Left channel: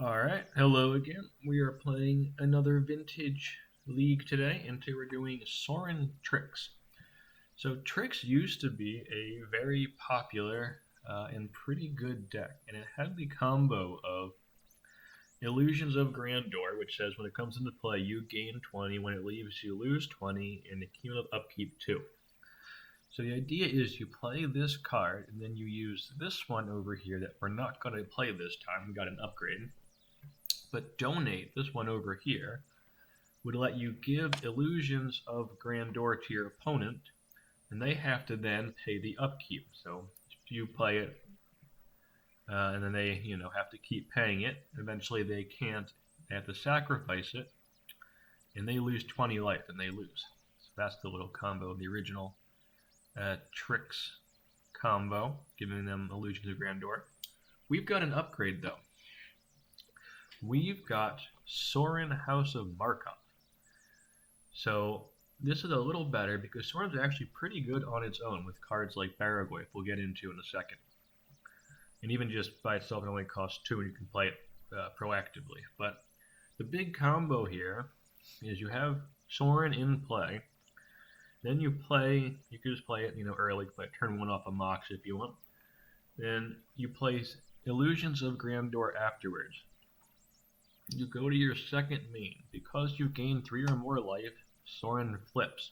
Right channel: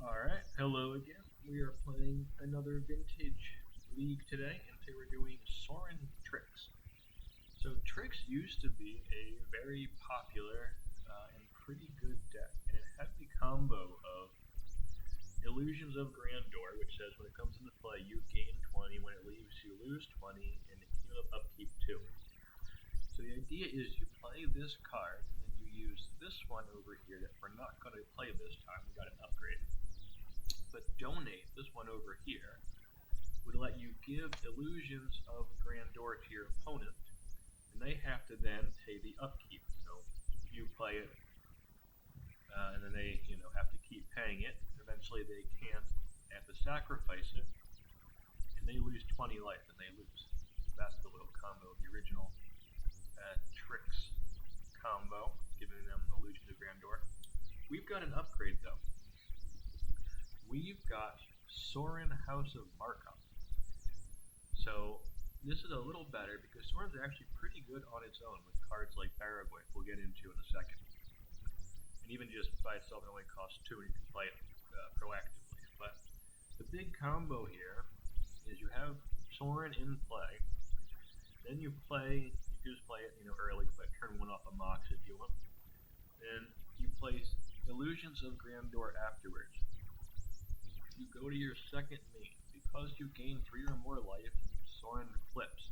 Alright, hello again. We are playing another vintage league today, and today we're doing Sorin Trix. So Trix used to be a very popular and pretty good deck, and it had the combo of Illusions of Grandeur, which says when it comes into play you gain 20, when it leaves you lose 20, and the cumulative upkeep 2. So the idea is you play this card, and then you use this one over here that we're not going to play this time. We got an upgrade. But donate, this one over here, would let you give Illusions of Grandeur to your opponent, and they have to then pay the upkeep. So if you play it, and then they have to keep paying it, eventually they can't, they have to sacrifice it, and they lose 20 life, and they lose. So that's the little combo of the original Trix combo, giving them Illusions of Grandeur. We've got an upgrade though. We've got Sorin House of Markov. So this is a little better because Sorin's actually pretty good on its own with cards like Baragoi, we'll get into in a second. And even just by itself it only costs 2 and you can play it proactively. But the big combo here is you have Sorin in play. Then you can just play it early, play turn 1 off a Mox if you want. Then you place Illusions of Grandeur afterwards. You go to your second main. Because you gain 3 or more life, Sorin flips.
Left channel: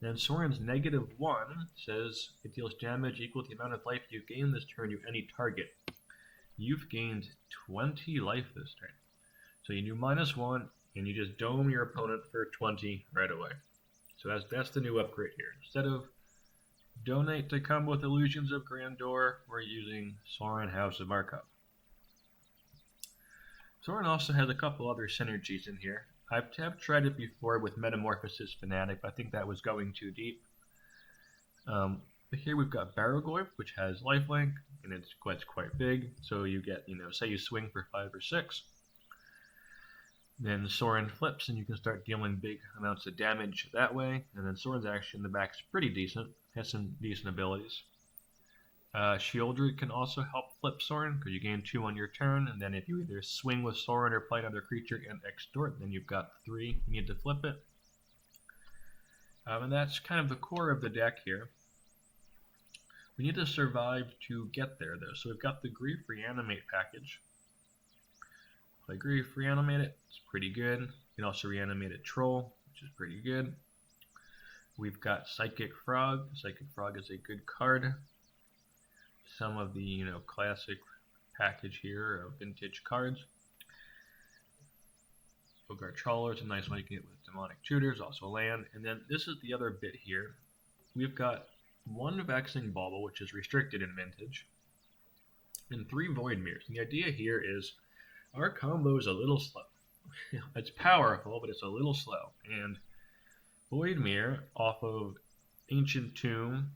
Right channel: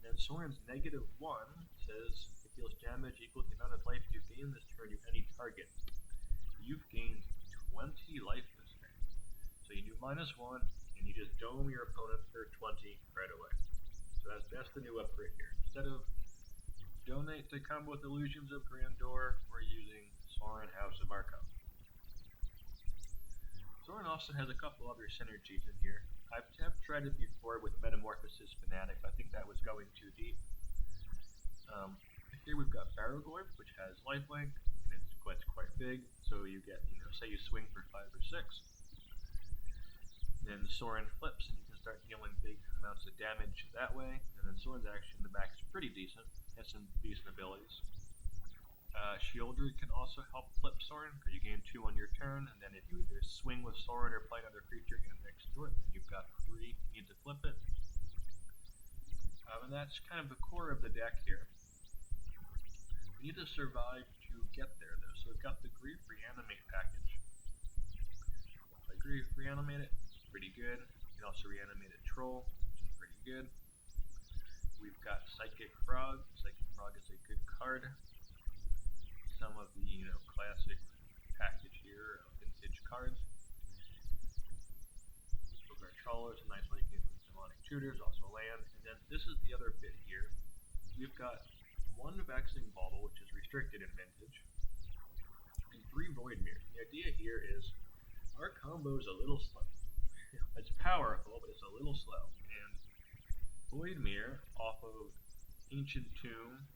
Then Sorin's -1 says it deals damage equal to the amount of life you gain this turn to any target. You've gained 20 life this turn. So you do -1 and you just dome your opponent for 20 right away. So that's the new upgrade here. Instead of donate to combo with Illusions of Grandeur, we're using Sorin House of Markov. Sorin also has a couple other synergies in here. I've tried it before with Metamorphosis Fanatic, but I think that was going too deep. But here we've got Baragoi, which has lifelink, and it's quite big. So you get, say you swing for 5 or 6. Then Sorin flips, and you can start dealing big amounts of damage that way. And then Sorin's action in the back is pretty decent, has some decent abilities. Shieldred can also help flip Sorin because you gain 2 on your turn, and then if you either swing with Sorin or play another creature and extort, then you've got 3. You need to flip it. And that's kind of the core of the deck here. We need to survive to get there though, so we've got the Grief Reanimate package. Play Grief, reanimate it, it's pretty good. You can also reanimate a Troll, which is pretty good. We've got Psychic Frog. Psychic Frog is a good card. Some of the classic package here of vintage cards. Bogart Trawler is a nice one you can get with Demonic Tutors, also land. And then this is the other bit here. We've got 1 Vexing Bauble, which is restricted in vintage, and 3 Void Mirrors. And the idea here is our combo is a little slow. It's powerful, but it's a little slow. And Void Mirror off of Ancient Tomb,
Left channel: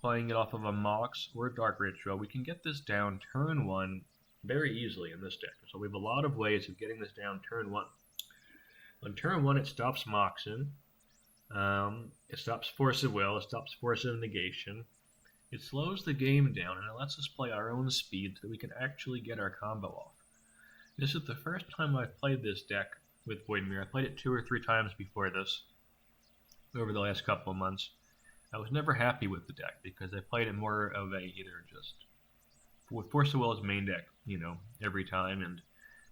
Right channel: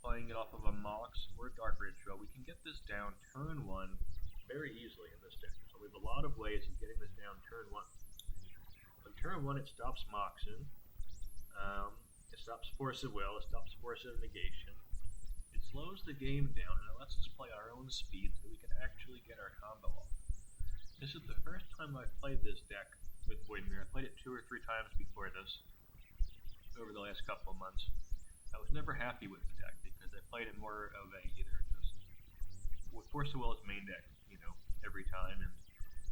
playing it off of a Mox or a Dark Ritual, we can get this down turn 1 very easily in this deck. So we have a lot of ways of getting this down turn 1. On turn 1 it stops Moxing, it stops Force of Will, it stops Force of Negation. It slows the game down and it lets us play our own speed so that we can actually get our combo off. This is the first time I've played this deck with Void Mirror. I played it 2 or 3 times before this over the last couple of months. I was never happy with the deck because I played it more of a either just with Force of Will as main deck, every time, and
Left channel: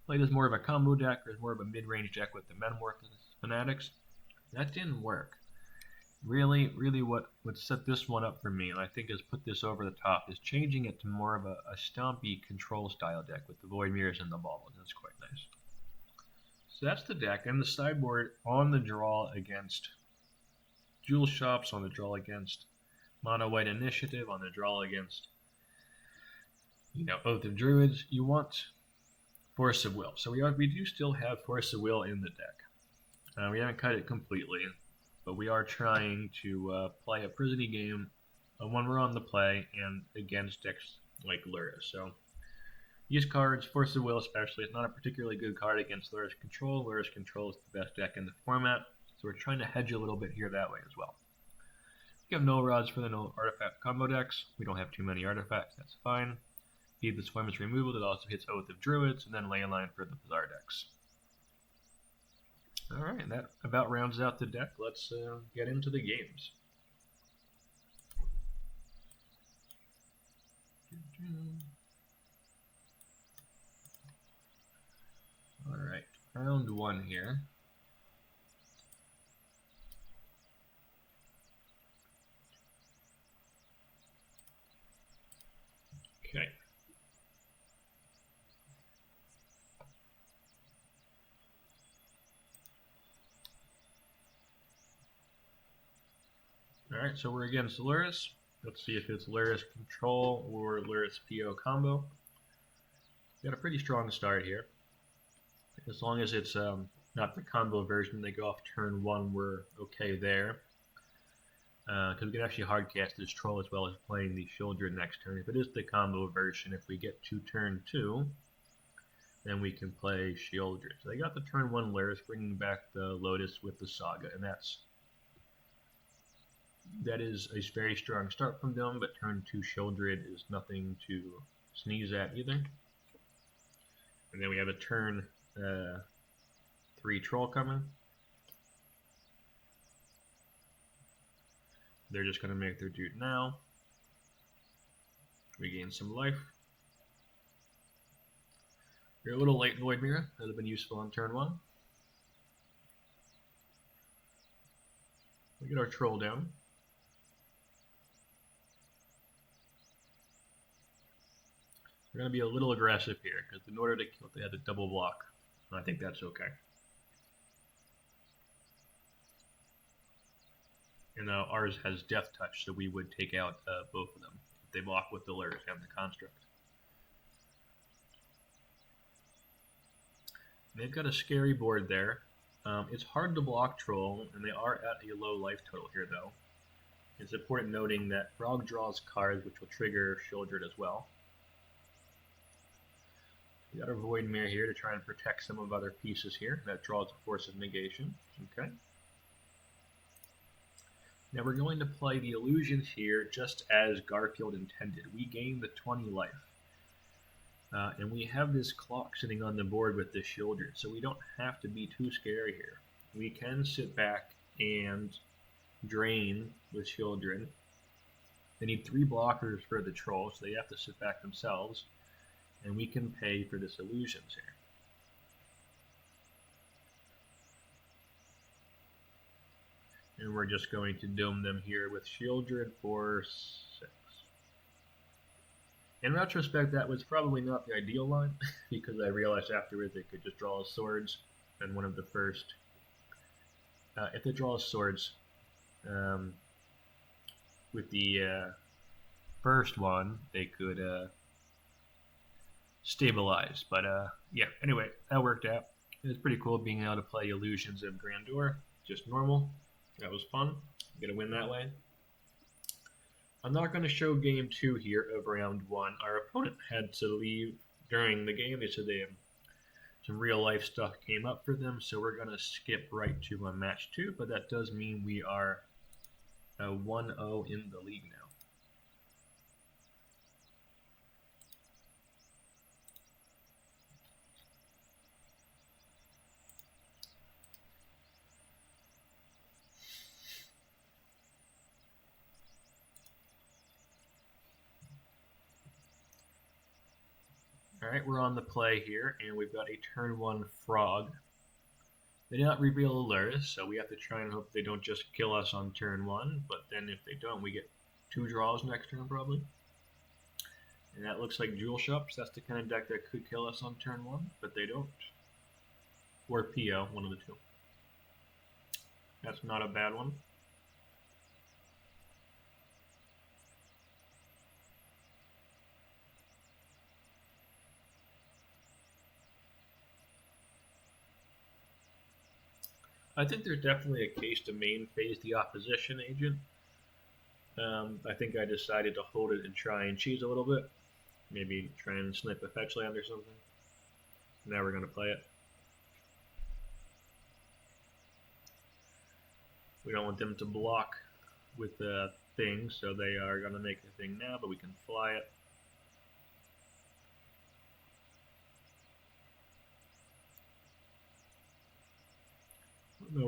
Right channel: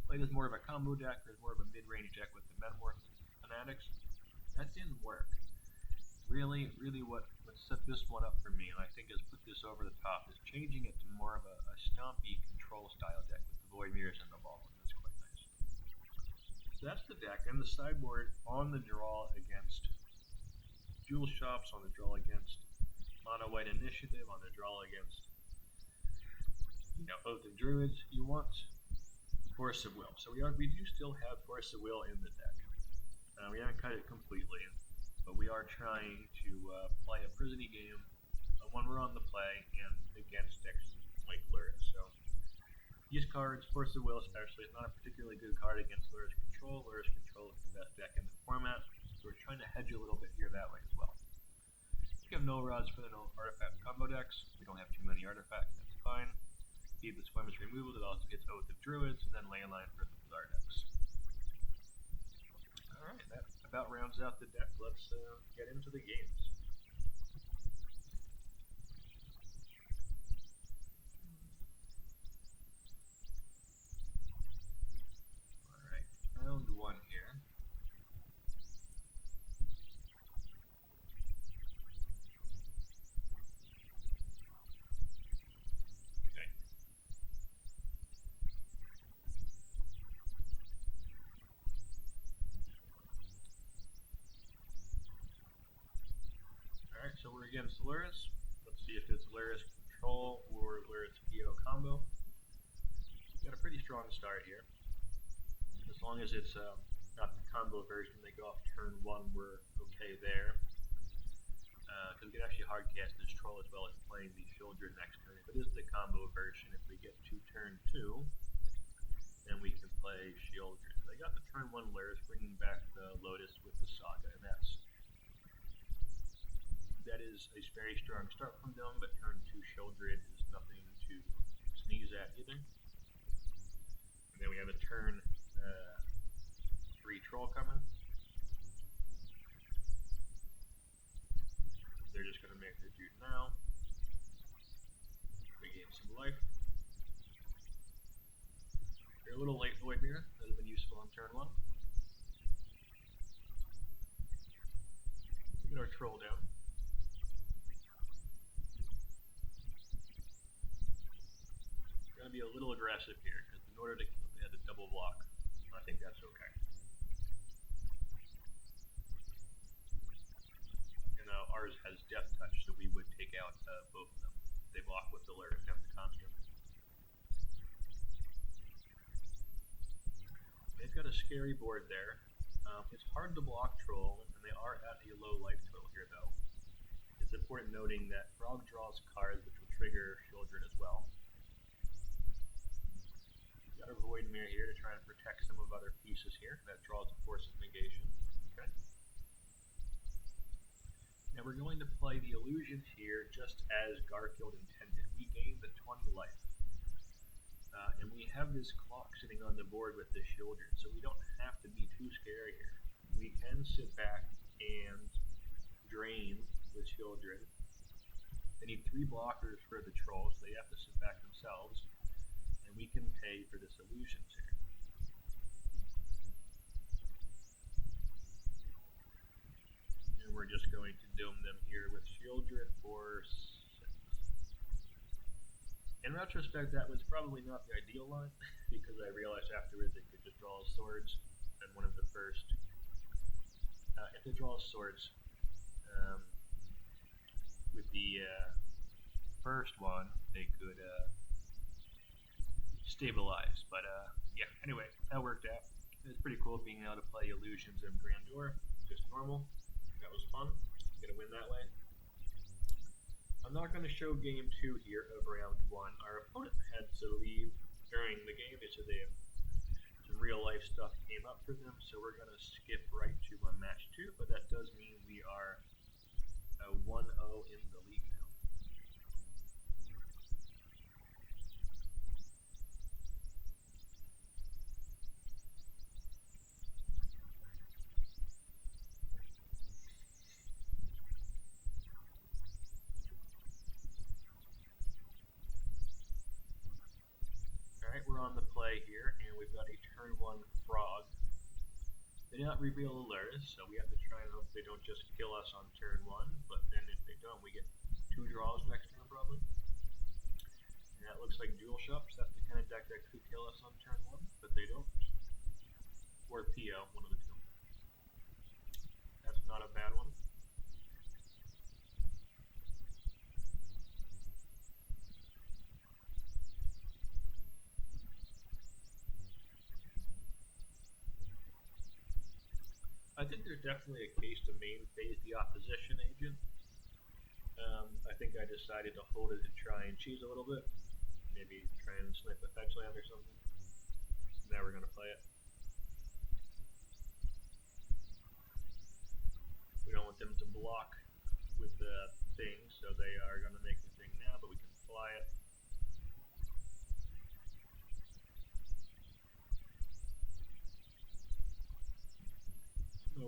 played as more of a combo deck or as more of a mid-range deck with the Metamorphosis Fanatics. That didn't work. Really what set this one up for me, and I think has put this over the top, is changing it to more of a stompy control style deck with the Void Mirrors and the Baubles. That's quite nice. So that's the deck, and the sideboard on the draw against Jewel Shops, on the draw against Mono White Initiative, on the draw against Oath of Druids. You want Force of Will. So we do still have Force of Will in the deck. We haven't cut it completely, but we are trying to play a prisony game when we're on the play and against decks like Luris. So these cards, Force of Will especially, is not a particularly good card against Luris Control. Luris Control is the best deck in the format. So we're trying to hedge a little bit here that way as well. We have no rods for the no artifact combo decks. We don't have too many artifacts, that's fine. Feed the Swimmers removal that also hits Oath of Druids, and then Leyline for the Bazaar decks. Alright, that about rounds out the deck. Let's get into the games. Alright, round one here. Okay. Alright, so we're against Luris. Let's see if it's Luris Control or Luris PO combo. Got a pretty strong start here. As long as it's not the combo version, they go off turn 1, we're okay there. Because we can actually hardcast this troll as well as playing the Children next turn. If it is the combo version, if we get to turn 2, then we can play Children. So they got the turn 1 Luris, bringing back the Lotus with the Saga, and that is a very strong start from them, but turn 2 Children is nothing to sneeze at either. And then we have a turn 3 Troll coming. They're just going to make their dude now. Regain some life. You're a little late, Void Mirror. That would have been useful on turn 1. We get our troll down. We're going to be a little aggressive here, because in order to kill, they had to double block. I think that's okay. And ours has Death Touch, so we would take out both of them. They block with the Luris and the Construct. They've got a scary board there. It's hard to block Troll, and they are at a low life total here, though. It's important noting that Frog draws cards, which will trigger Children as well. We got our Void Mirror here to try and protect some of other pieces here. That draws a Force of Negation. Okay. Now we're going to play the illusions here just as Garfield intended. We gain the 20 life. And we have this clock sitting on the board with the Children, so we don't have to be too scary here. We can sit back and drain with Children. They need 3 blockers for the troll, so they have to sit back themselves. And we can pay for this illusions here. And we're just going to dome them here with Children for 6. In retrospect, that was probably not the ideal line, because I realized afterwards they could just draw swords, and one of the first, if they draw swords, with the first one, they could stabilize, but yeah, anyway, that worked out. It was pretty cool being able to play Illusions of Grandeur, just normal. That was fun. Get a win that way. I'm not going to show game 2 here of round 1. Our opponent had to leave during the game. They said they have some real life stuff came up for them, so we're going to skip right to match 2, but that does mean we are 1-0 in the league now. Alright, we're on the play here, and we've got a turn 1 Frog. They did not reveal a Luris, so we have to try and hope they don't just kill us on turn 1, but then if they don't, we get 2 draws next turn probably. And that looks like Jewel Shops. That's the kind of deck that could kill us on turn 1, but they don't. Or PO, one of the two. That's not a bad one. I think there's definitely a case to main phase the opposition agent. I think I decided to hold it and try and cheese a little bit. Maybe try and snip a fetch land or something. Now we're going to play it. We don't want them to block with the thing, so they are going to make the thing now, but we can fly it.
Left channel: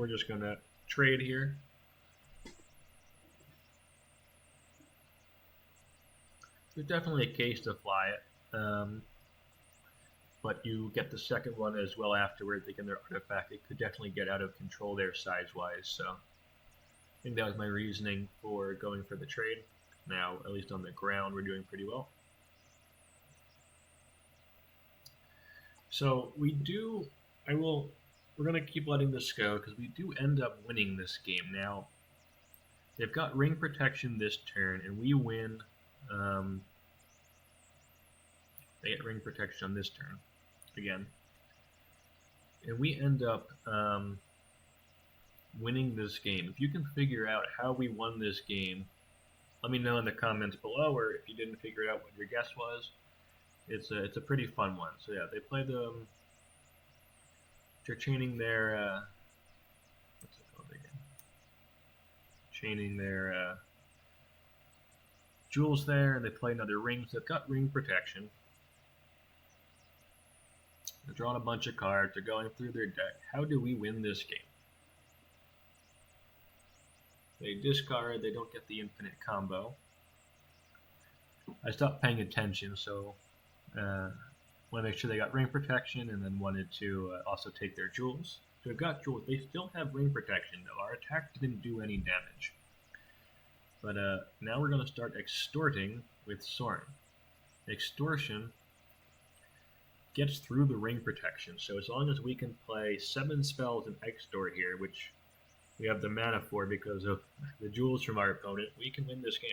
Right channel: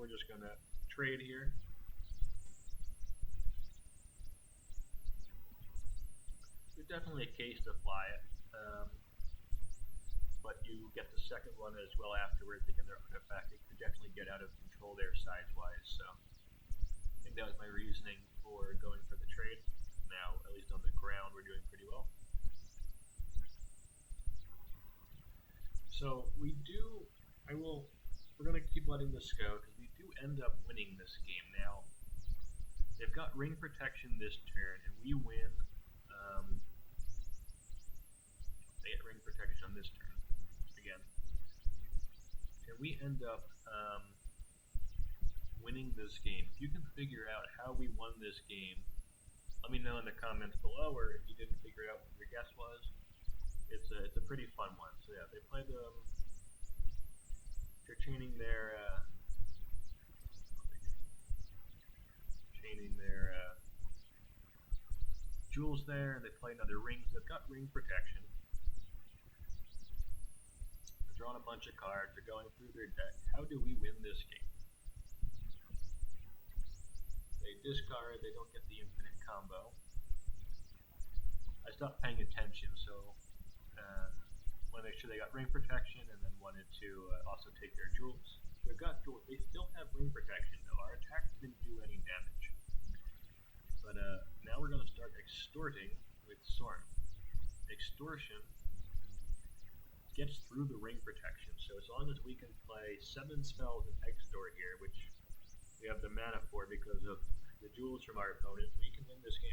just going to trade here. There's definitely a case to fly it, but you get the second one as well afterward. They get their artifact. It could definitely get out of control there size-wise, so I think that was my reasoning for going for the trade. Now, at least on the ground, we're doing pretty well. So we're going to keep letting this go because we do end up winning this game. Now, they've got ring protection this turn, and we win. They get ring protection on this turn again, and we end up winning this game. If you can figure out how we won this game, let me know in the comments below, or if you didn't figure out what your guess was. It's a pretty fun one. So yeah, they play the they're chaining their what's it called again? Chaining their jewels there, and they play another rings. They've got ring protection. They're drawing a bunch of cards. They're going through their deck. How do we win this game? They discard. They don't get the infinite combo. I stopped paying attention, so want to make sure they got ring protection, and then wanted to also take their jewels. So they've got jewels. They still have ring protection, though. Our attack didn't do any damage. But now we're going to start extorting with Sorin. Extortion gets through the ring protection, so as long as we can play 7 spells in extort here, which we have the mana for because of the jewels from our opponent, we can win this game.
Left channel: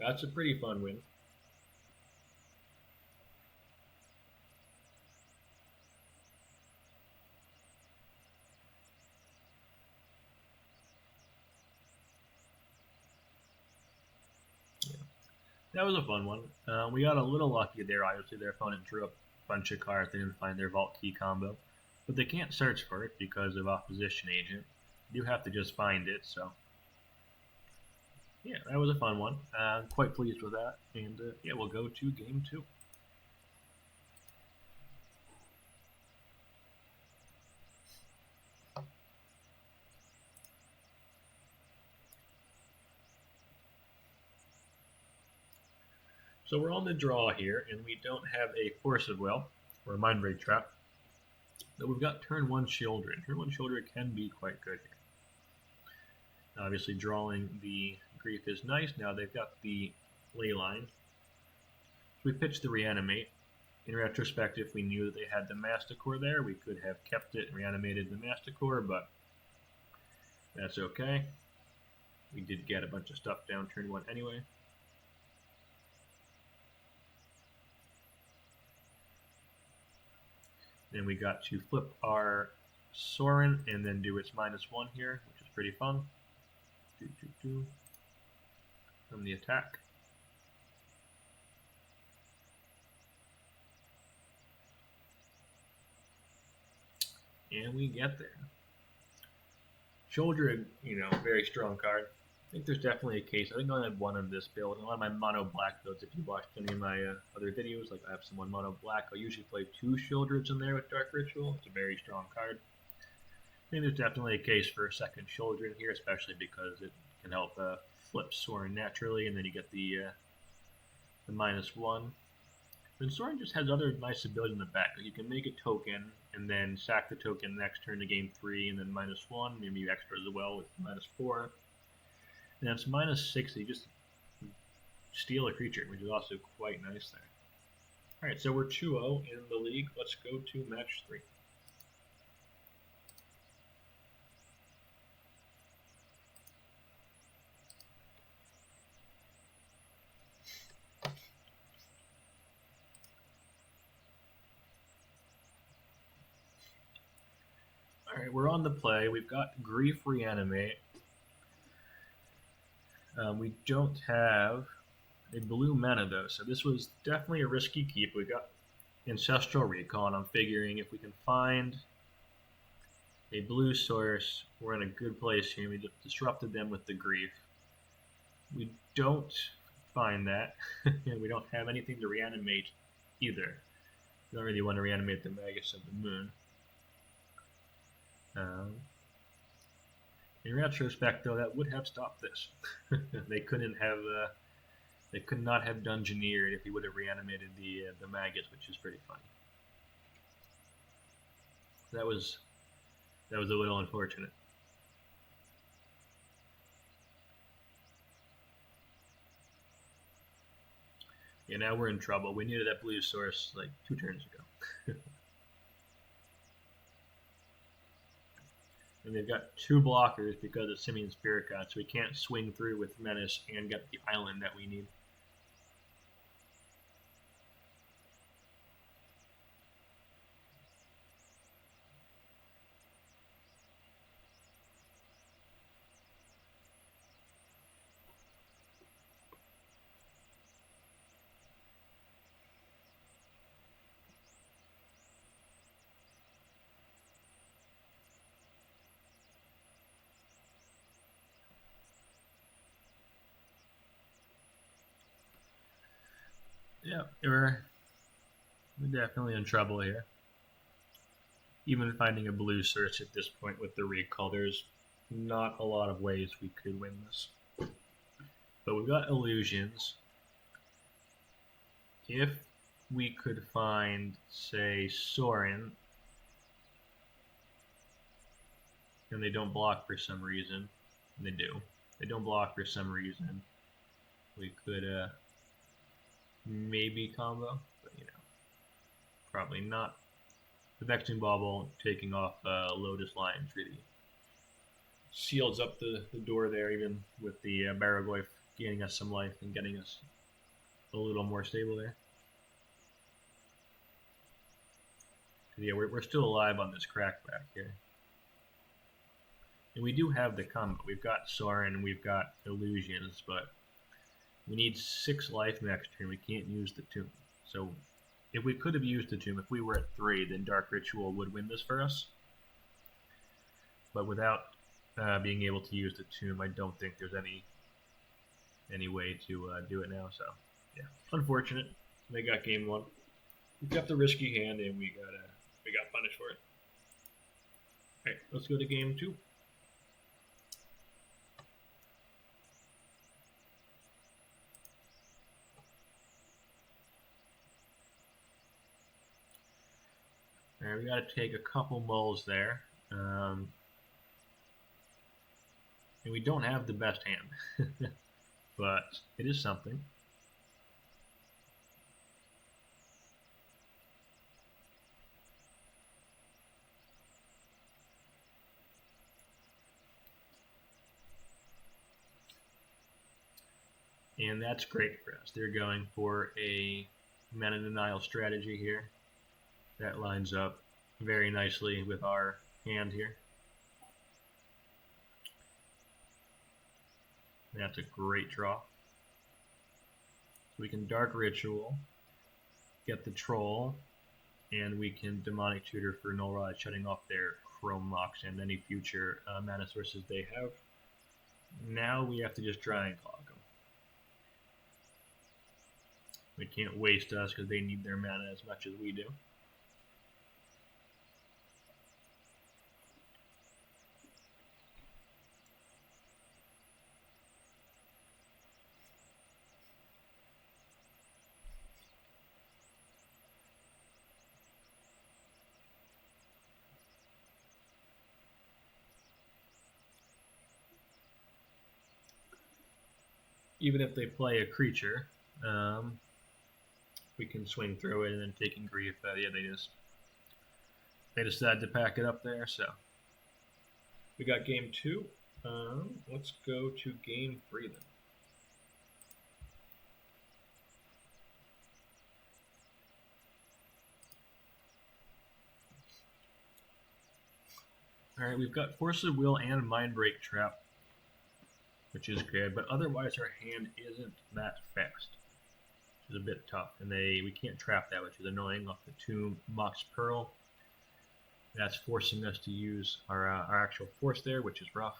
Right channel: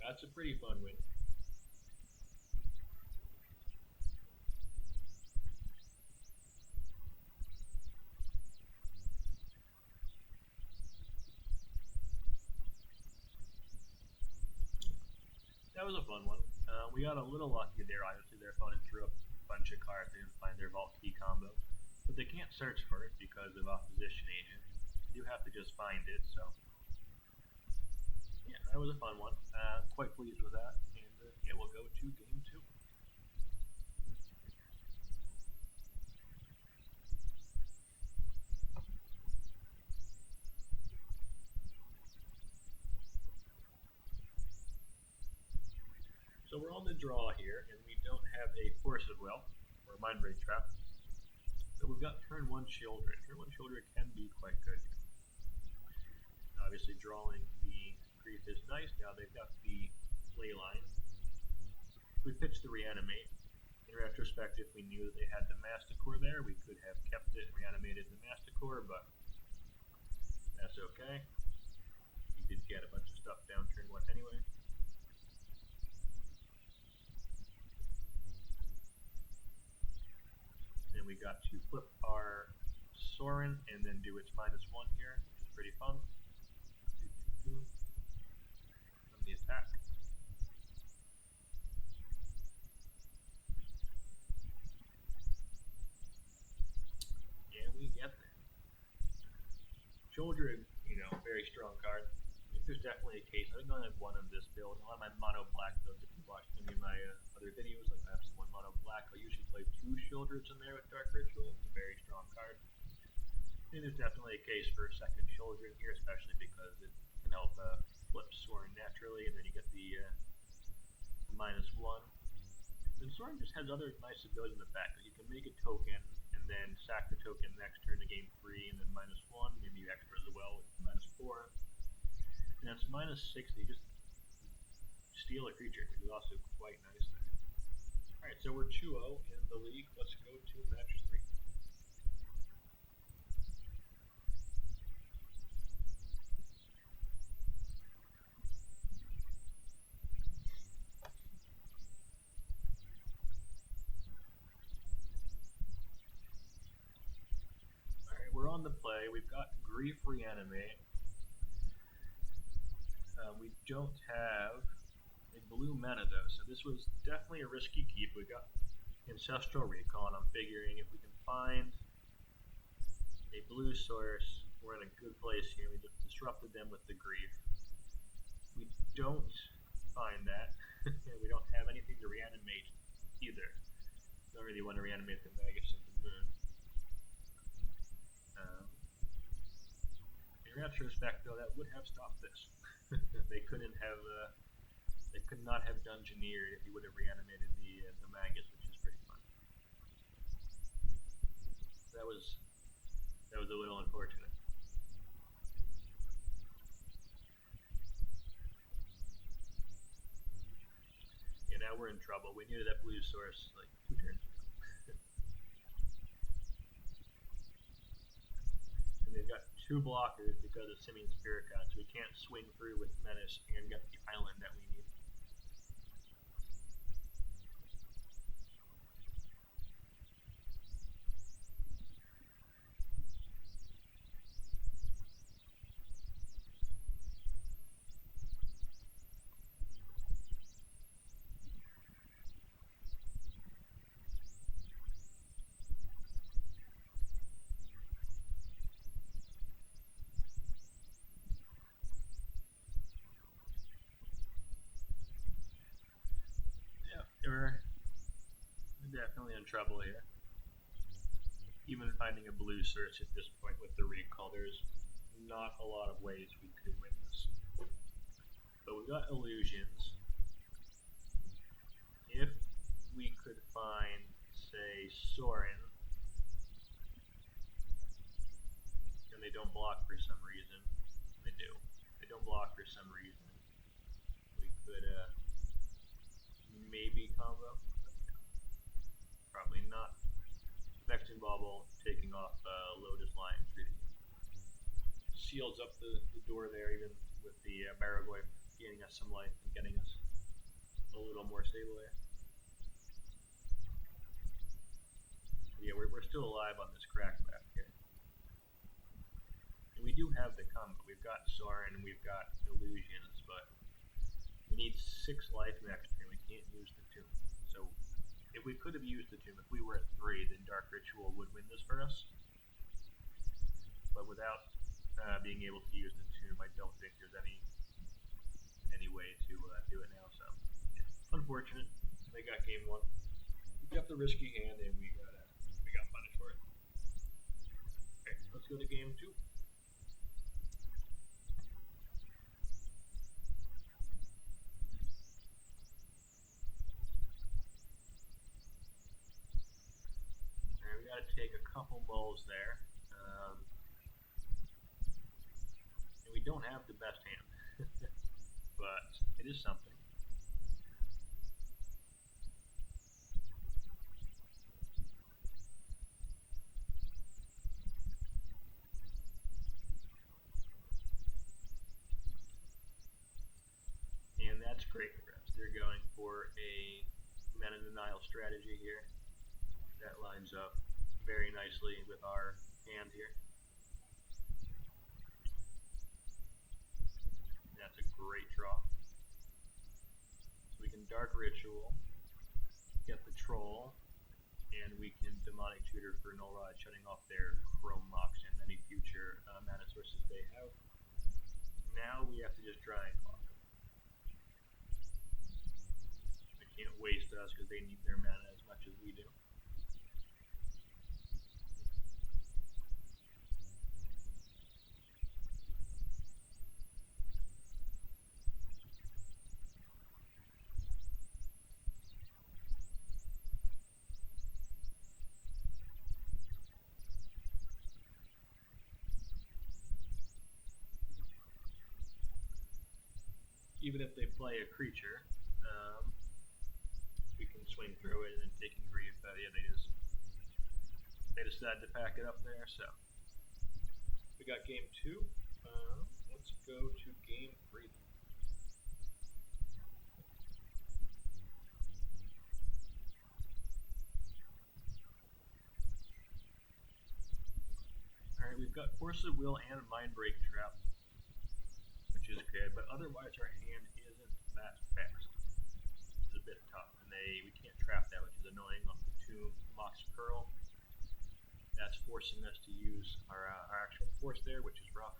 That's a pretty fun win. That was a fun one. We got a little lucky there. Obviously, their opponent drew a bunch of cards. They didn't find their Vault Key combo. But they can't search for it because of Opposition Agent. You have to just find it, so... yeah, that was a fun one. Quite pleased with that. And yeah, we'll go to game 2. So we're on the draw here, and we don't have a Force of Will or a Mind Break Trap. But we've got turn 1 Children. Turn 1 Children can be quite good here. Obviously, drawing the Grief is nice. Now they've got the Leyline. We pitched the Reanimate. In retrospect, if we knew that they had the Masticore there, we could have kept it and reanimated the Masticore, but that's okay. We did get a bunch of stuff down turn 1 anyway. Then we got to flip our Sorin and then do its -1 here, which is pretty fun. From the attack. And we get there. Children, very strong card. I think there's definitely a case. I think I only had one of this build. A lot of my mono black builds, if you watched any of my other videos, like I have someone mono black, I'll usually play 2 Shieldreds in there with Dark Ritual. It's a very strong card. I think there's definitely a case for a second Children here, especially because it can help flip Sorin naturally, and then you get the -1. Then Sorin just has other nice ability in the back. Like you can make a token, and then sack the token next turn to game 3, and then -1. Maybe you extra as well with -4. And it's -6, you just steal a creature, which is also quite nice there. Alright, so we're 2-0 in the league. Let's go to match 3. Alright, we're on the play. We've got Grief Reanimate. We don't have a blue mana though, so this was definitely a risky keep. We got Ancestral Recall, and I'm figuring if we can find a blue source, we're in a good place here. We disrupted them with the Grief. We don't find that. And we don't have anything to reanimate either. We don't really want to reanimate the Magus of the Moon. In retrospect, though, that would have stopped this. They could not have dungeoneered if he would have reanimated the Magus, which is pretty funny. That was a little unfortunate. Yeah, now we're in trouble. We needed that blue source like 2 turns ago. And they've got 2 blockers because of Simian Spirit God, so we can't swing through with Menace and get the island that we need. Yeah, we're definitely in trouble here. Even finding a blue search at this point with the recall, there's not a lot of ways we could win this. But we've got illusions. If we could find, say, Sorin, and they don't block for some reason, and they do. They don't block for some reason. We could maybe combo, but probably not. The Vexing Bauble taking off Lotus Lions really seals up the door there, even with the Baraglyph gaining us some life and getting us a little more stable there. Yeah, we're still alive on this crackback here. And we do have the combo. We've got Sorin and we've got Illusions, but we need 6 life next turn. We can't use the Tomb. So if we could have used the Tomb, if we were at 3, then Dark Ritual would win this for us. But without being able to use the Tomb, I don't think there's any way to do it now. So yeah, unfortunate. They got game 1. We got the risky hand and we got punished for it. Alright, let's go to game 2. Alright, we got to take a couple mulls there. And we don't have the best hand, but it is something. And that's great for us. They're going for a mana denial strategy here. That lines up very nicely with our hand here. That's a great draw. So we can Dark Ritual, get the Troll, and we can Demonic Tutor for Null Rod, shutting off their Chrome Mox and any future mana sources they have. Now we have to just try and clog them. They can't waste us because they need their mana as much as we do. Even if they play a creature, we can swing through it and then taking grief. Yeah, they decided to pack it up there. So we got game 2. Let's go to game 3 then. Alright, we've got Force of Will and Mindbreak Trap, which is good, but otherwise our hand isn't that fast, which is a bit tough, and we can't trap that, which is annoying. Off the Tomb, Mox Pearl, that's forcing us to use our actual force there, which is rough.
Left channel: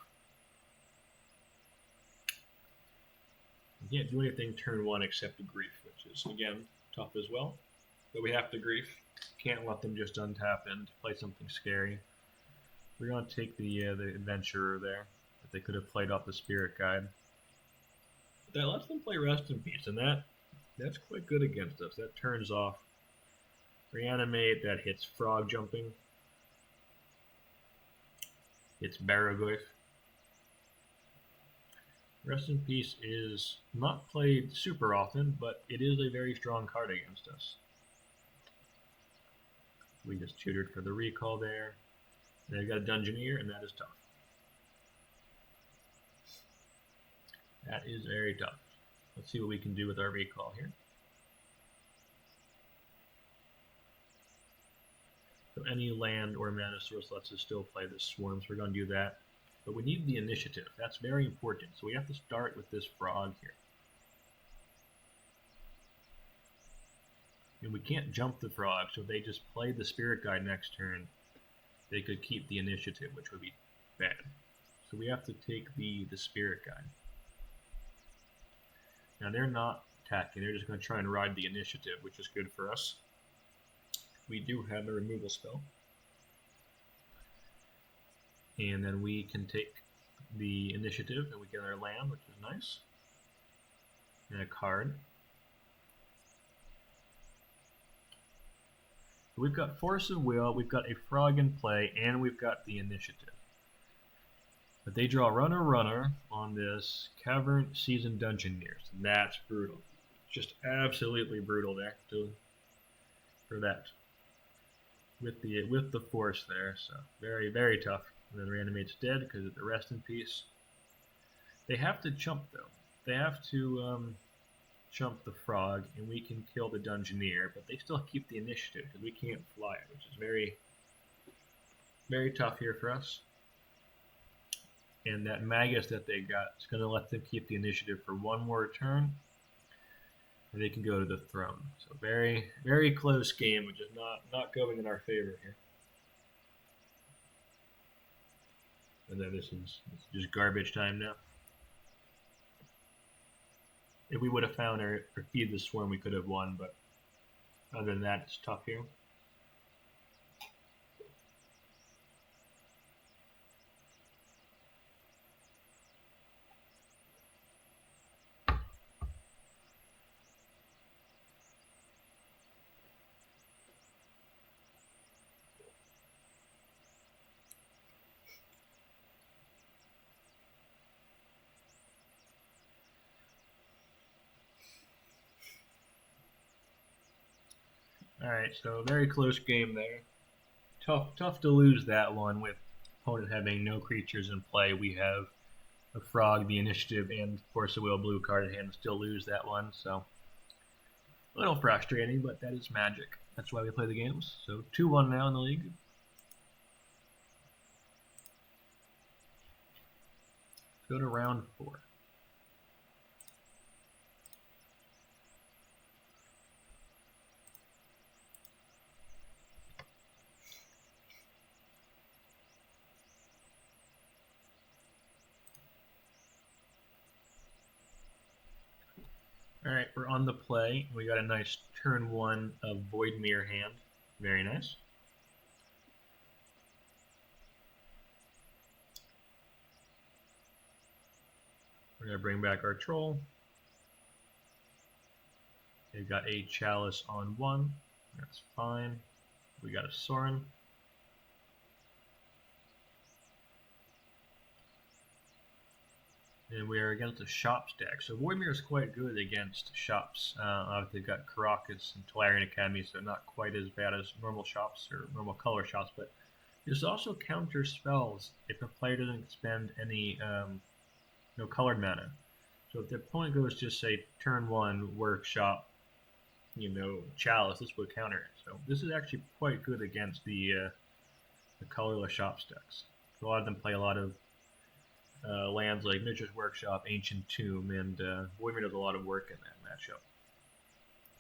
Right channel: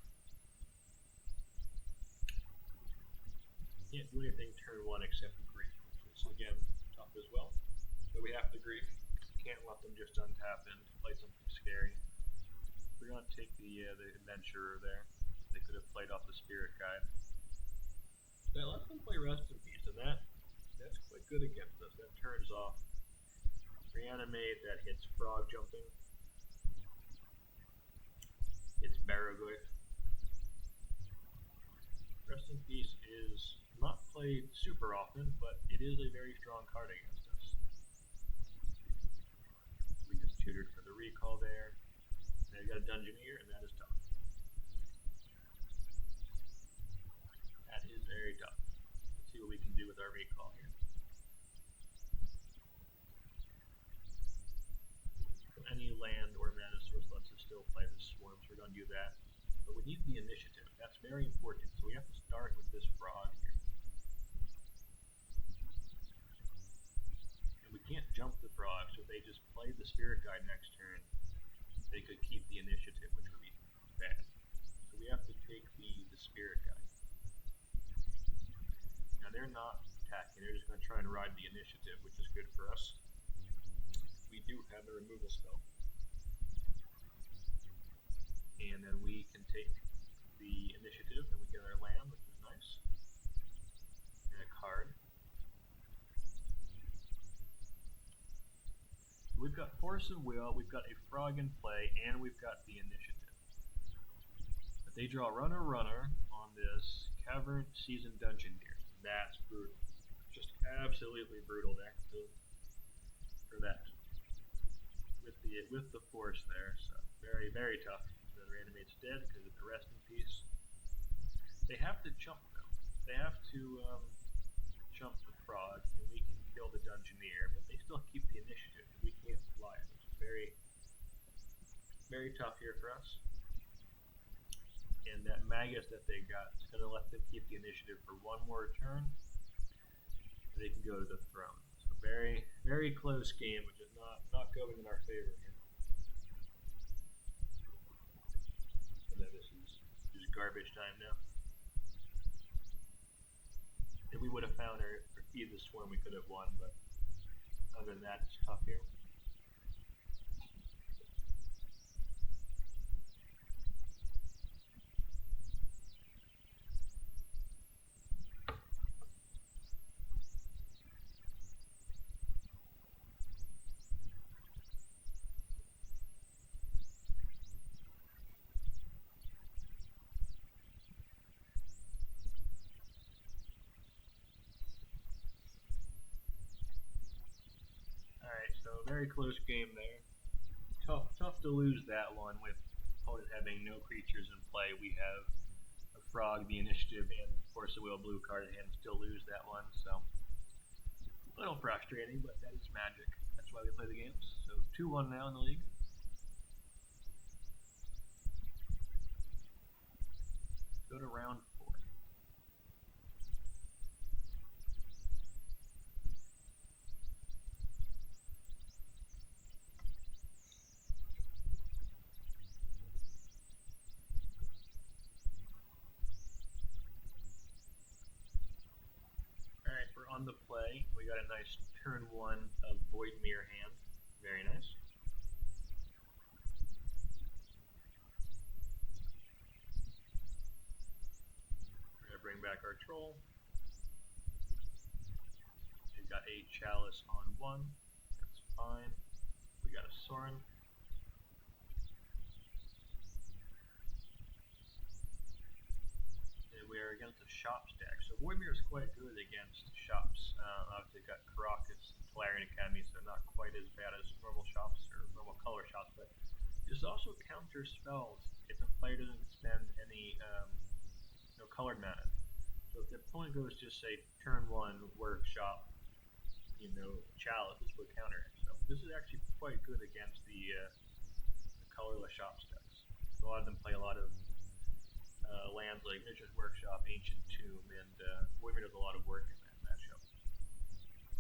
You can't do anything turn 1 except the grief, which is, again, tough as well. But we have the grief. Can't let them just untap and play something scary. We're going to take the adventurer there. But they could have played off the spirit guide. But that lets them play rest in peace, and that's quite good against us. That turns off reanimate, that hits frog jumping. It's Baraglyph. Rest in Peace is not played super often, but it is a very strong card against us. We just tutored for the recall there. And they've got a Dungeoneer, and that is tough. That is very tough. Let's see what we can do with our recall here. So any land or mana source lets us still play the swarm, so we're going to do that. But we need the initiative. That's very important. So we have to start with this frog here. And we can't jump the frog, so if they just play the spirit guide next turn, they could keep the initiative, which would be bad. So we have to take the spirit guide. Now they're not attacking, they're just going to try and ride the initiative, which is good for us. We do have a removal spell. And then we can take the initiative and we get our land, which is nice. And a card. So we've got Force of Will, we've got a frog in play, and we've got the initiative. But they draw runner on this Cavern Seasoned Dungeoneers, and that's brutal. Just absolutely brutal there for that. With the force there, so very, very tough. And then Reanimate's dead because of the Rest in Peace. They have to chump though. They have to chump the frog, and we can kill the Dungeoneer, but they still keep the initiative because we can't fly it, which is very, very tough here for us. And that Magus that they got is going to let them keep the initiative for one more turn, and they can go to the throne. So very, very close game, which is not going in our favor here. And then this is just garbage time now. If we would have found or feed the swarm, we could have won, but other than that, it's tough here. Alright, so very close game there. Tough to lose that one with opponent having no creatures in play. We have a frog, the initiative, and Force of Will blue card in hand and still lose that one, so a little frustrating, but that is magic. That's why we play the games. So 2-1 now in the league. Let's go to round 4. Alright, we're on the play. We got a nice turn 1 of Voidmere hand. Very nice. We're going to bring back our troll. They've got a Chalice on 1. That's fine. We got a Sorin. And we are against a shop stack. So Voidmere is quite good against shops. Obviously they've got Caracas and Tolarian Academy, so not quite as bad as normal shops or normal color shops, but there's also counter spells if a player doesn't spend any colored mana. So if the opponent goes just say turn 1 workshop, Chalice, this would counter it. So this is actually quite good against the colorless shop stacks. So a lot of them play a lot of lands like Miniatures Workshop, Ancient Tomb, and Voidmere does a lot of work in that matchup.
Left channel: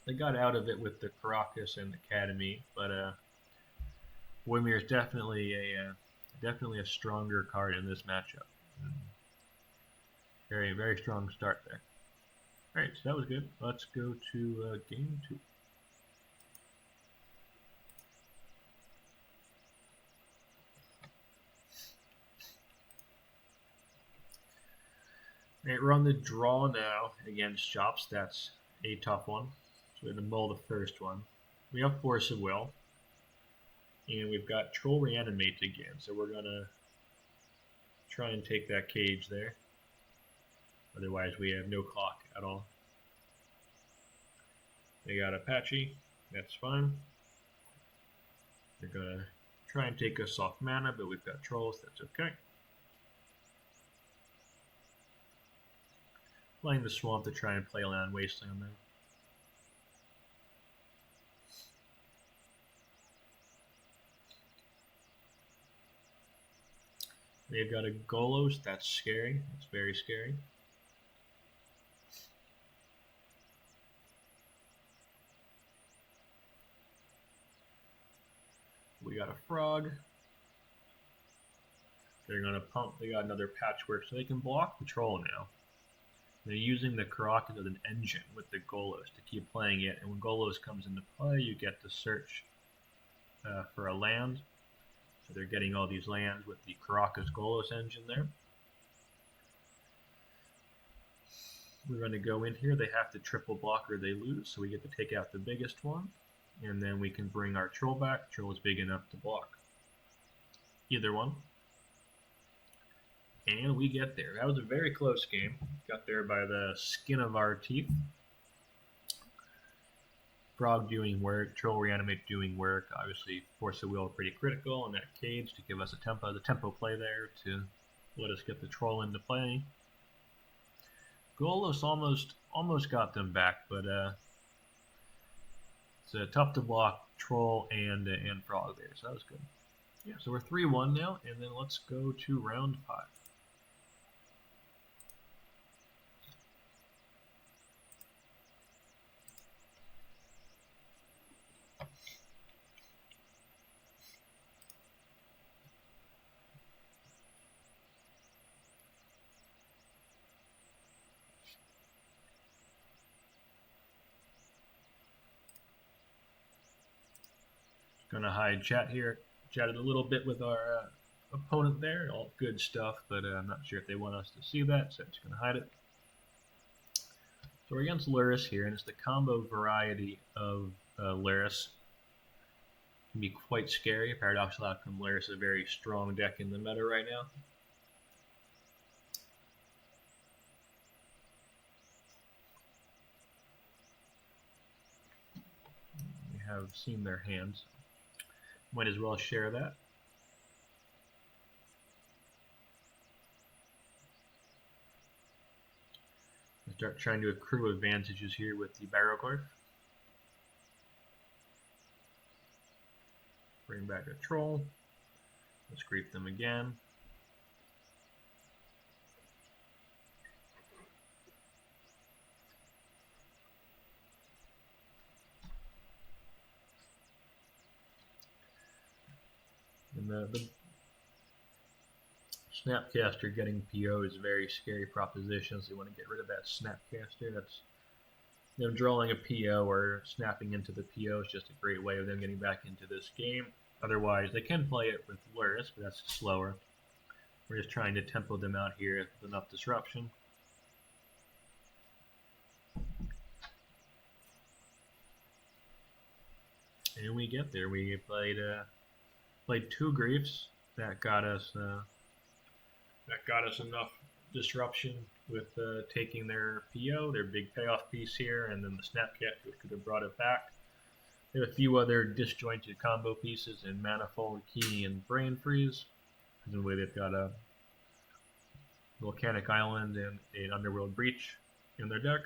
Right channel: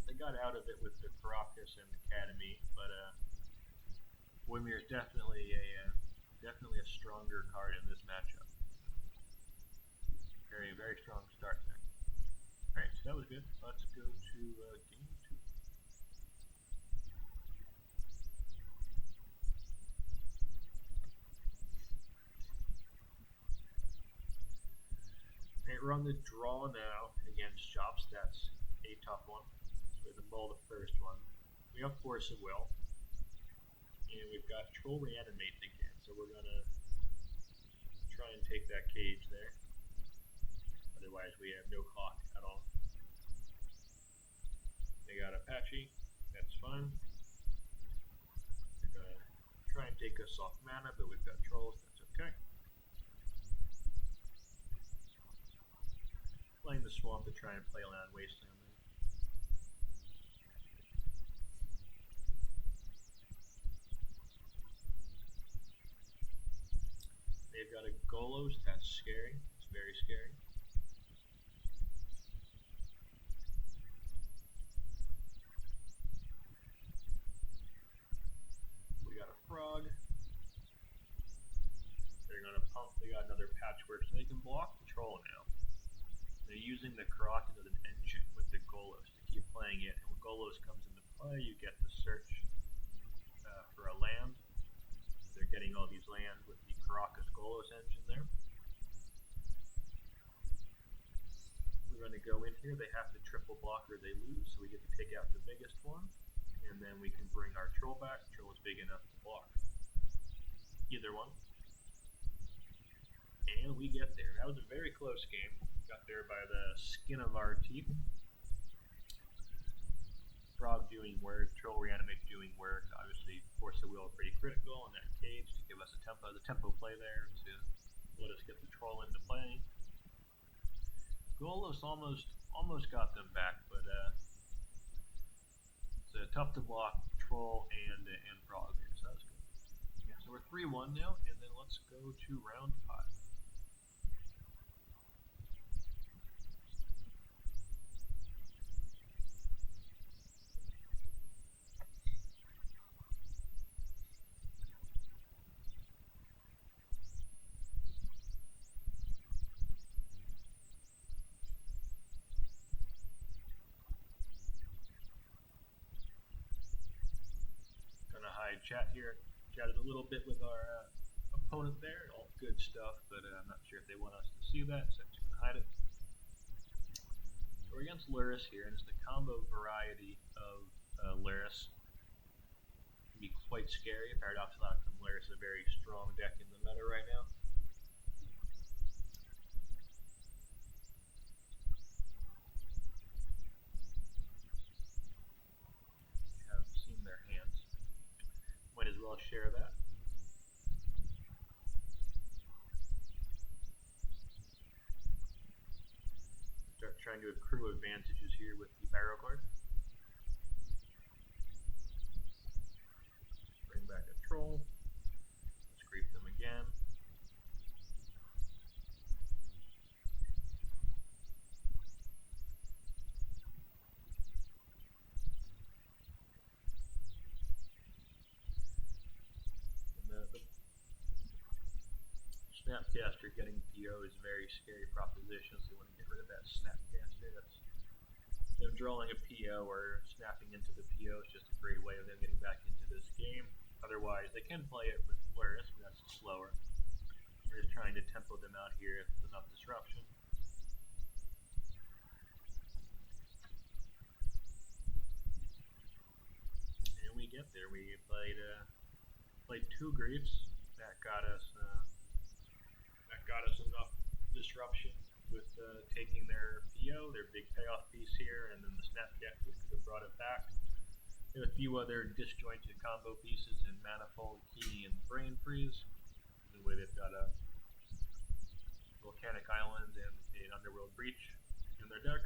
They got out of it with the Caracas and Academy, but Voidmere is definitely a stronger card in this matchup. Very, very strong start there. Alright, so that was good. Let's go to game 2. Alright, we're on the draw now against Chops. That's a tough one. So we have to mull the first one. We have Force of Will. And we've got Troll Reanimate again. So we're going to try and take that cage there. Otherwise we have no clock at all. They got Apache. That's fine. They're going to try and take us off mana, but we've got Trolls. That's okay. Playing the Swamp to try and play Land Wasteland there. They've got a Golos. That's scary. That's very scary. We got a Frog. They're going to pump. They got another Patchwork, so they can block the Troll now. They're using the Karakas as an engine with the Golos to keep playing it, and when Golos comes into play, you get to search for a land. So they're getting all these lands with the Karakas Golos engine there. We're going to go in here. They have to triple block or they lose, so we get to take out the biggest one, and then we can bring our Troll back. Troll is big enough to block either one. And we get there. That was a very close game. Got there by the skin of our teeth. Frog doing work, Troll Reanimate doing work. Obviously, Force of Will pretty critical in that cage to give us the tempo play there to let us get the Troll into play. Golos almost got them back, but it's a tough to block Troll and Frog there, so that was good. Yeah, so we're 3-1 now, and then let's go to round 5. Gonna hide chat here. Chatted a little bit with our opponent there. All good stuff, but I'm not sure if they want us to see that, so I'm just gonna hide it. So we're against Luris here, and it's the combo variety of Luris. It can be quite scary. Paradoxical Outcome Luris is a very strong deck in the meta right now. We have seen their hands. Might as well share that. Start trying to accrue advantages here with the Barrowglyph. Bring back a Troll. Let's creep them again. And the Snapcaster getting PO is a very scary proposition, so you want to get rid of that Snapcaster. That's them drawing a PO or snapping into the PO is just a great way of them getting back into this game. Otherwise, they can play it with Luris, but that's slower. We're just trying to tempo them out here with enough disruption. And we get there. We played 2 Griefs. That got us enough disruption with taking their PO, their big payoff piece here, and then the Snapcat, which could have brought it back. There are a few other disjointed combo pieces in Manifold, Key, and Brain Freeze. Presumably they've got a Volcanic Island and an Underworld Breach in their deck.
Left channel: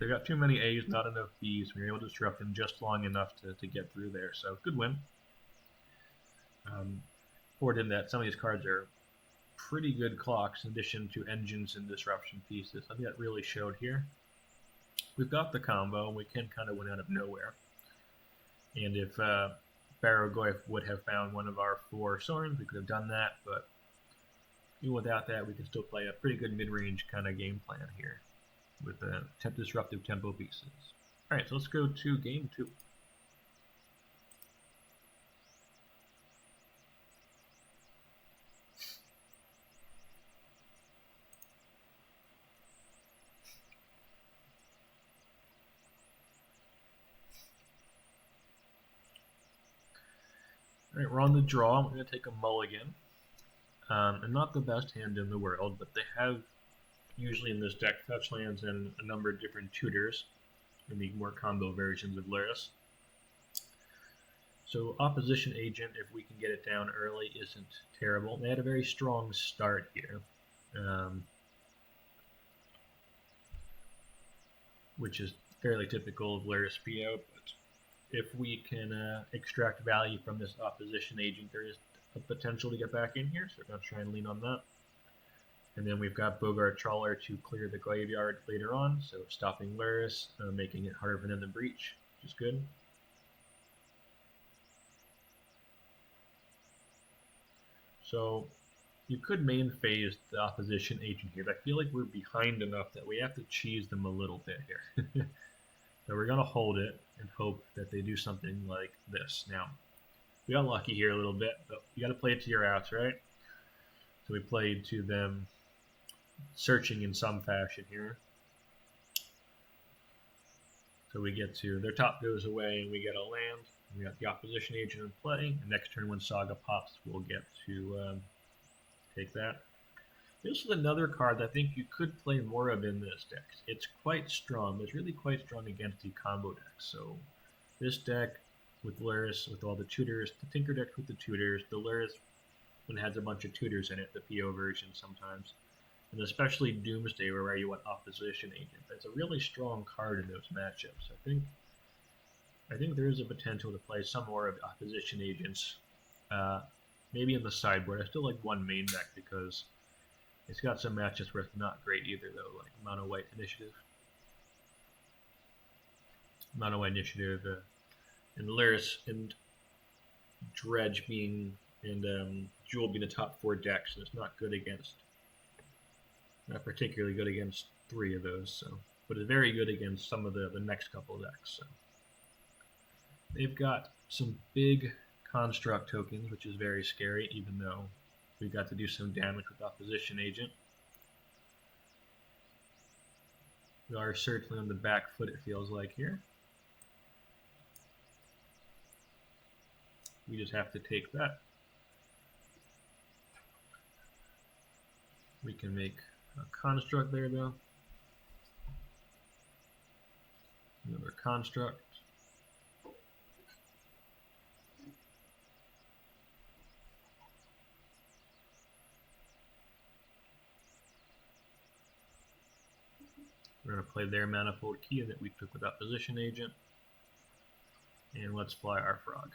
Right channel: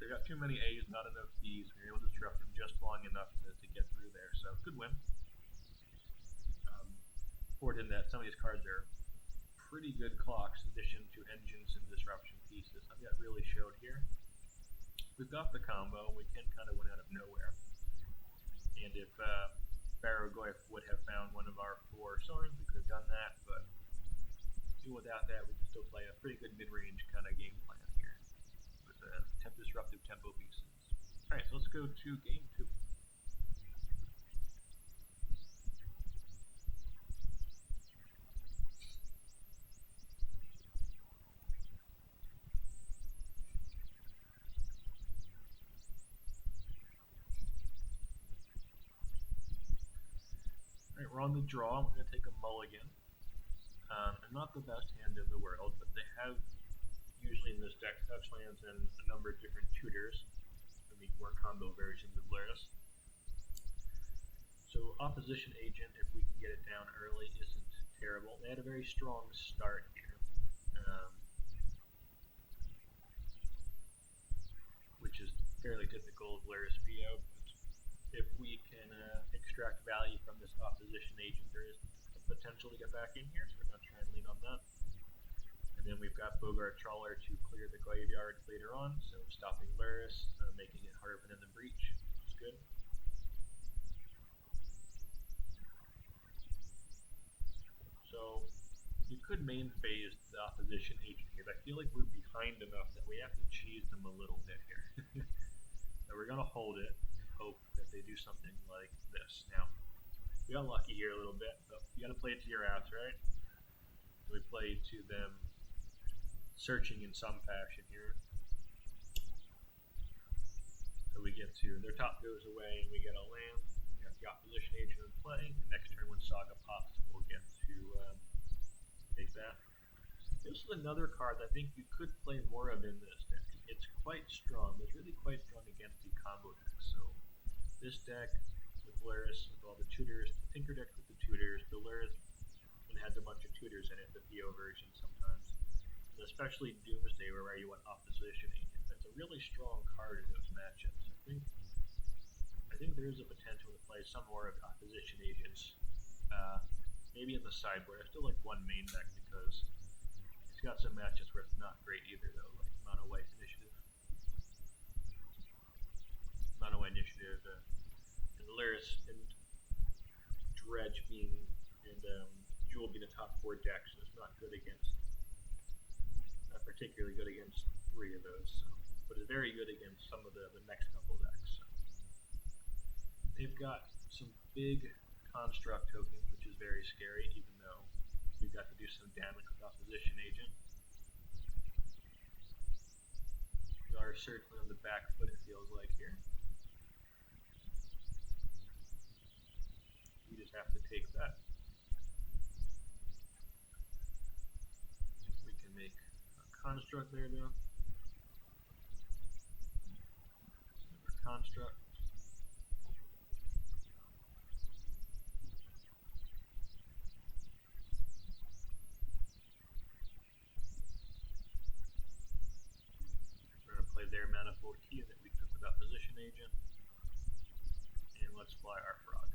They've got too many A's, not enough B's. We were able to disrupt them just long enough to get through there, so good win. Forward in that some of these cards are pretty good clocks in addition to engines and disruption pieces. I think that really showed here. We've got the combo, and we can kind of win out of nowhere. And if Barrowglyph would have found one of our 4 Sorins, we could have done that, but even without that, we can still play a pretty good mid-range kind of game plan here. with disruptive tempo pieces. Alright, so let's go to game 2. Alright, we're on the draw. We're going to take a mulligan. And not the best hand in the world, but they have usually in this deck fetch lands and a number of different tutors in the more combo versions of Luris. So Opposition Agent, if we can get it down early, isn't terrible. They had a very strong start here, which is fairly typical of Luris PO, but if we can extract value from this Opposition Agent, there is a potential to get back in here, so we're going to try and lean on that. And then we've got Bogart Trawler to clear the graveyard later on, so stopping Luris, making it harder than the breach, which is good. So you could main phase the Opposition Agent here, but I feel like we're behind enough that we have to cheese them a little bit here. So we're going to hold it and hope that they do something like this. Now, we got lucky here a little bit, but you got to play it to your outs, right? So we played to them searching in some fashion here. So we get to, their top goes away and we get a land. We got the Opposition Agent in play. Next turn when Saga pops, we'll get to take that. This is another card that I think you could play more of in this deck. It's quite strong, but it's really quite strong against the combo deck. So this deck with Luris, with all the tutors, the Tinker deck with the tutors, the Luris when it has a bunch of tutors in it, the PO version sometimes, and especially Doomsday where you want Opposition Agent. That's a really strong card in those matchups. I think there is a potential to play some more of the Opposition Agents, maybe in the sideboard. I still like one main deck because it's got some matchups where it's not great either, though, like Mono White Initiative. Mono White Initiative and Luris and Dredge being and Jewel being the top 4 decks, so it's not good against, not particularly good against 3 of those, so, but it's very good against some of the next couple of decks. So they've got some big construct tokens, which is very scary, even though we've got to do some damage with Opposition Agent. We are certainly on the back foot, it feels like here. We just have to take that. We can make a construct there, though. Another construct. We're going to play their Manifold Key that we took with Opposition Agent. And let's fly our frog.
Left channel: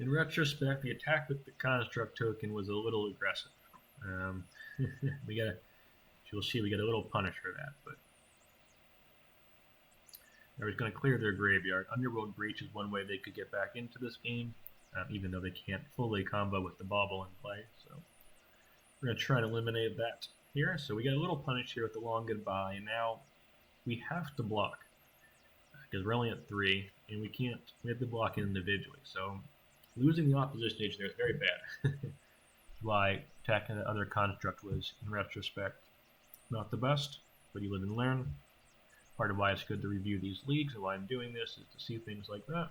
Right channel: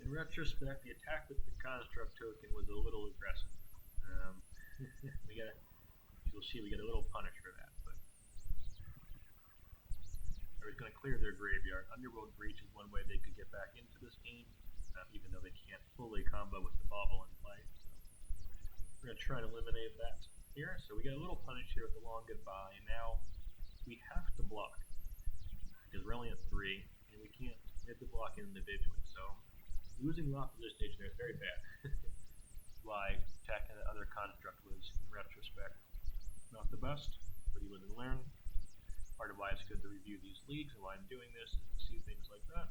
In retrospect, the attack with the construct token was a little aggressive. You'll see we get a little punish for that, but I was going to clear their graveyard. Underworld Breach is one way they could get back into this game, even though they can't fully combo with the bauble in play. So we're going to try and eliminate that here. So we get a little punish here with the long goodbye, and now we have to block because we're only at 3, and we have to block individually. So losing the Opposition Agent there is very bad. That's why attacking the other construct was, in retrospect, not the best, but you live and learn. Part of why it's good to review these leagues and why I'm doing this is to see things like that.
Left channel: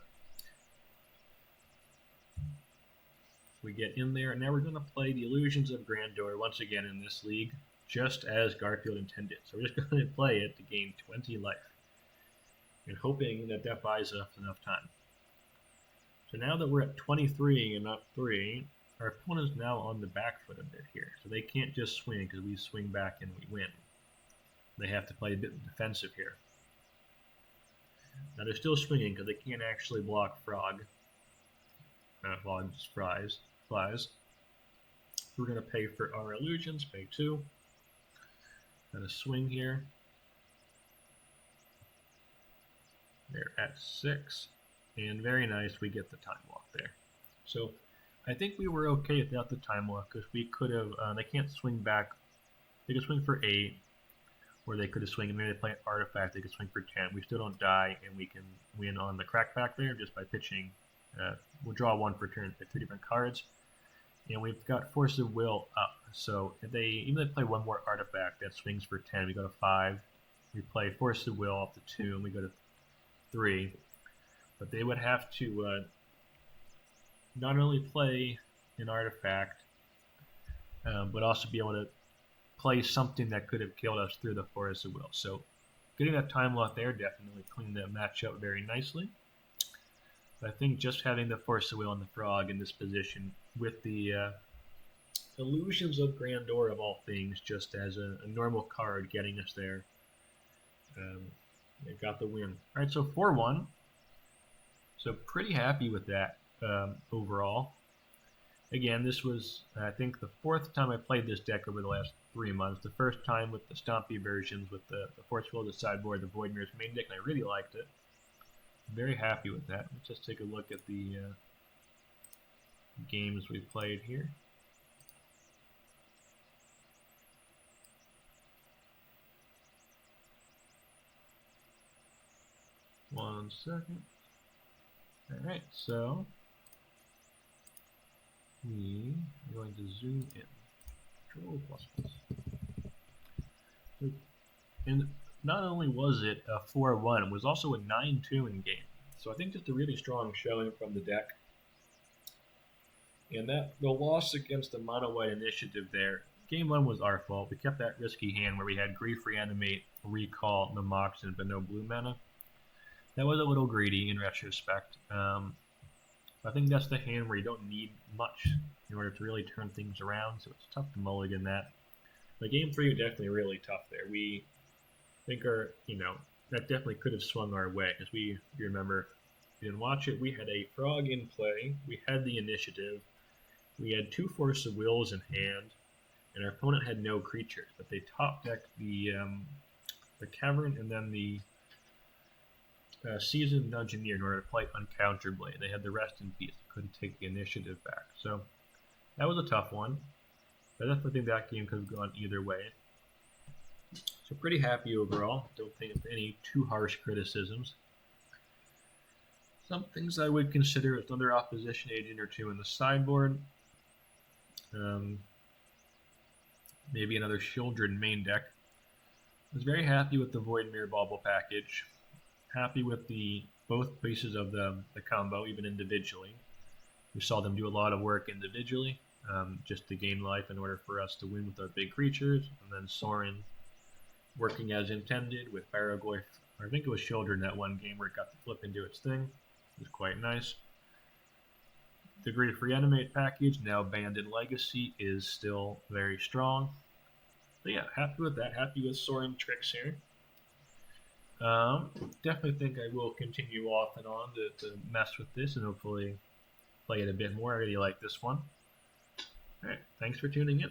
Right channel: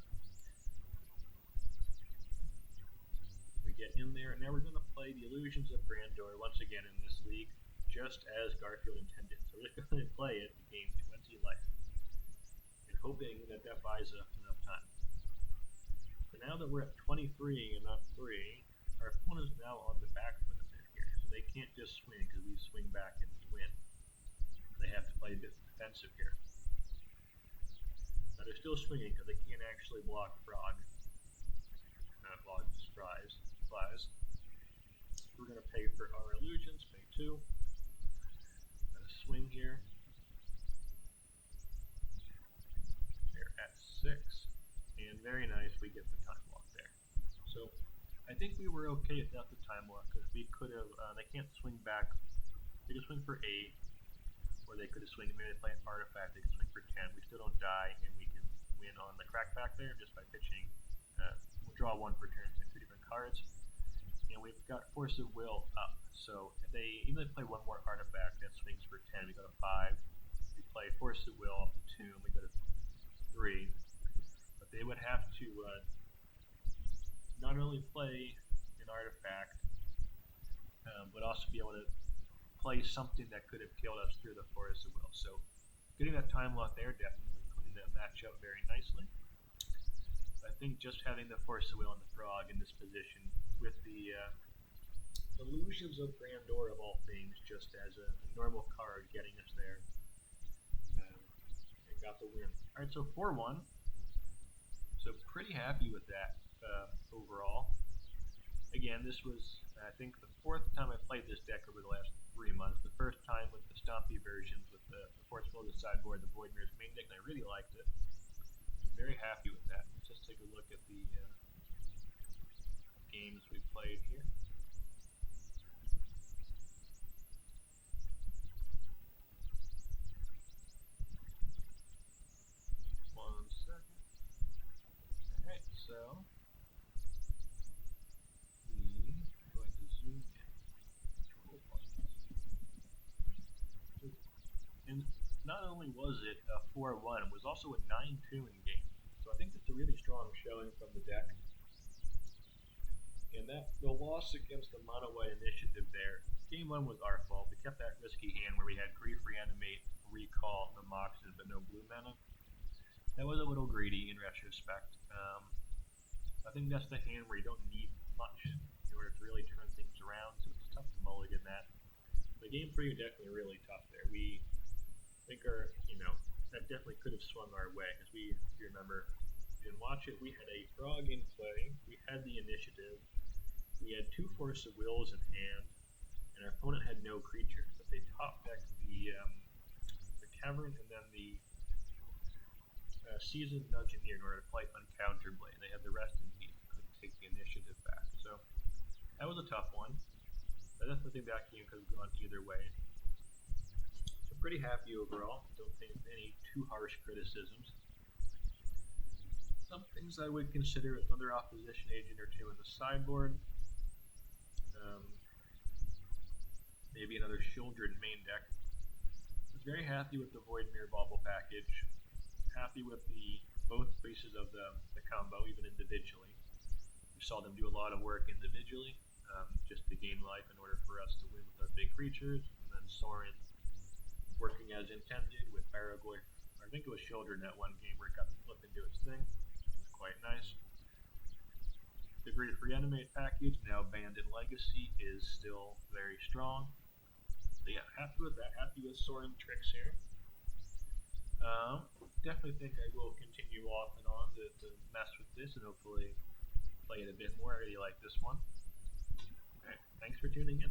We get in there, and now we're going to play the Illusions of Grandeur once again in this league, just as Garfield intended. So we're just going to play it to gain 20 life, and hoping that that buys us enough time. So now that we're at 23 and not 3, our opponent is now on the back foot a bit here. So they can't just swing because we swing back and we win. They have to play a bit defensive here. Now they're still swinging because they can't actually block Frog. Frog just flies. So we're going to pay for our illusions, pay 2. Got a swing here. They're at 6. And very nice, we get the time walk there. So I think we were okay without the time walk because we could have, they can't swing back They could swing for 8, or they could have swing, and maybe they play an artifact, they could swing for 10. We still don't die, and we can win on the crackback there just by pitching. We'll draw 1 per turn, pick 3 different cards. And we've got Force of Will up. So if even if they play 1 more artifact that swings for 10, we go to 5. We play Force of Will up to 2, and we go to 3. But they would have to not only play an artifact, but also be able to play something that could have killed us through the Force of Will. So getting that time lock there definitely cleaned the match up very nicely. I think just having the Force of Will and the Frog in this position with the Illusions of Grandeur of all things, just as a normal card getting us there, it got the win. Alright, so 4-1. So pretty happy with that overall. Again, this was, I think, the 4th time I played this deck over the last 3 months. The first time with the Stompy versions with the Force Will, the sideboard, the Void Mirror's main deck, and I really liked it. Very happy with that. Let's just take a look at the games we played here. One second. Alright, so we are going to zoom in. Control plus plus. And not only was it a 4-1, it was also a 9-2 in game. So I think just a really strong showing from the deck. And that the loss against the mono white initiative there, game 1 was our fault. We kept that risky hand where we had Grief, Reanimate, Recall, the Moxen, but no blue mana. That was a little greedy in retrospect. I think that's the hand where you don't need much in order to really turn things around, so it's tough to mulligan that. But game 3 was definitely really tough there. We think that definitely could have swung our way, because if you remember, if you didn't watch it, we had a Frog in play, we had the initiative, we had 2 Force of Wills in hand, and our opponent had no creatures, but they top decked the Cavern and then the Seasoned Dungeoneer in order to play Uncounterblade. They had the Rest in Peace, couldn't take the initiative back. So that was a tough one. I definitely think that game could have gone either way. So pretty happy overall. Don't think of any too harsh criticisms. Some things I would consider with another opposition agent or 2 in the sideboard. Maybe another Shieldred main deck. I was very happy with the Void Mirror Bauble package. Happy with both pieces of the combo, even individually. We saw them do a lot of work individually, just to gain life in order for us to win with our big creatures. And then Sorin working as intended with Barrowglyph. I think it was Shieldred in that one game where it got to flip into its thing. It was quite nice. The Grief Reanimate package, now banned in Legacy, is still very strong. But yeah, happy with that. Happy with Sorin Trix here. Definitely think I will continue off and on to mess with this and hopefully play it a bit more. I really like this one. Alright, thanks for tuning in.